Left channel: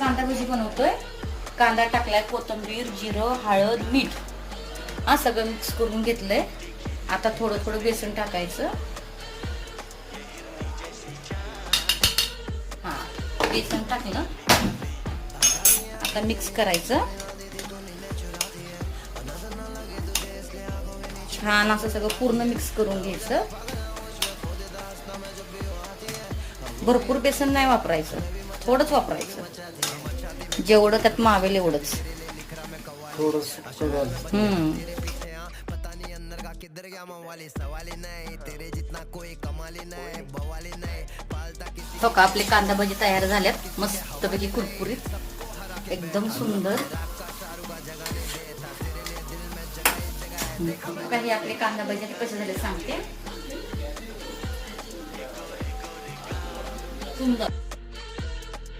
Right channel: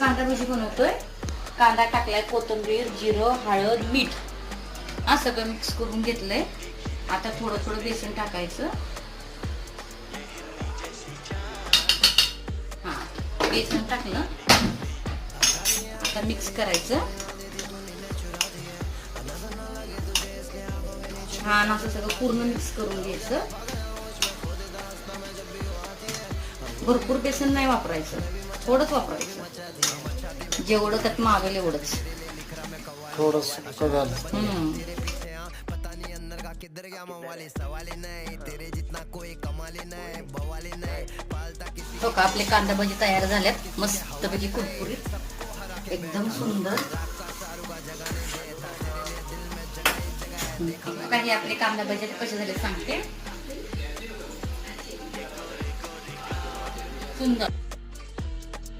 कांदा भजी बनवतोय. कांदा टाकलाय कोथिंबीर जिरं हळद मीठ. हा सगळं मिक्स करून घेतलंय. आता थोडं थोडं बेसन टाकायचं. हा बेसन टाकलं. आता मिक्स करायचं. छान असं सगळं पूर्ण मिक्स करून घ्यायचं. भरपूर बेसन नाही वापरायचं. थोडंच वापरायचं. जेवढं त्यात मावेल एवढंच. झालं हम्म. हो का आपले कांदा भाजी तयार झाल्यात. मस्त पैकी कुरकुरीत. एकदम सुंदर. काही आपले कांदा भाजी कसे झाले सांगते. सुंदर.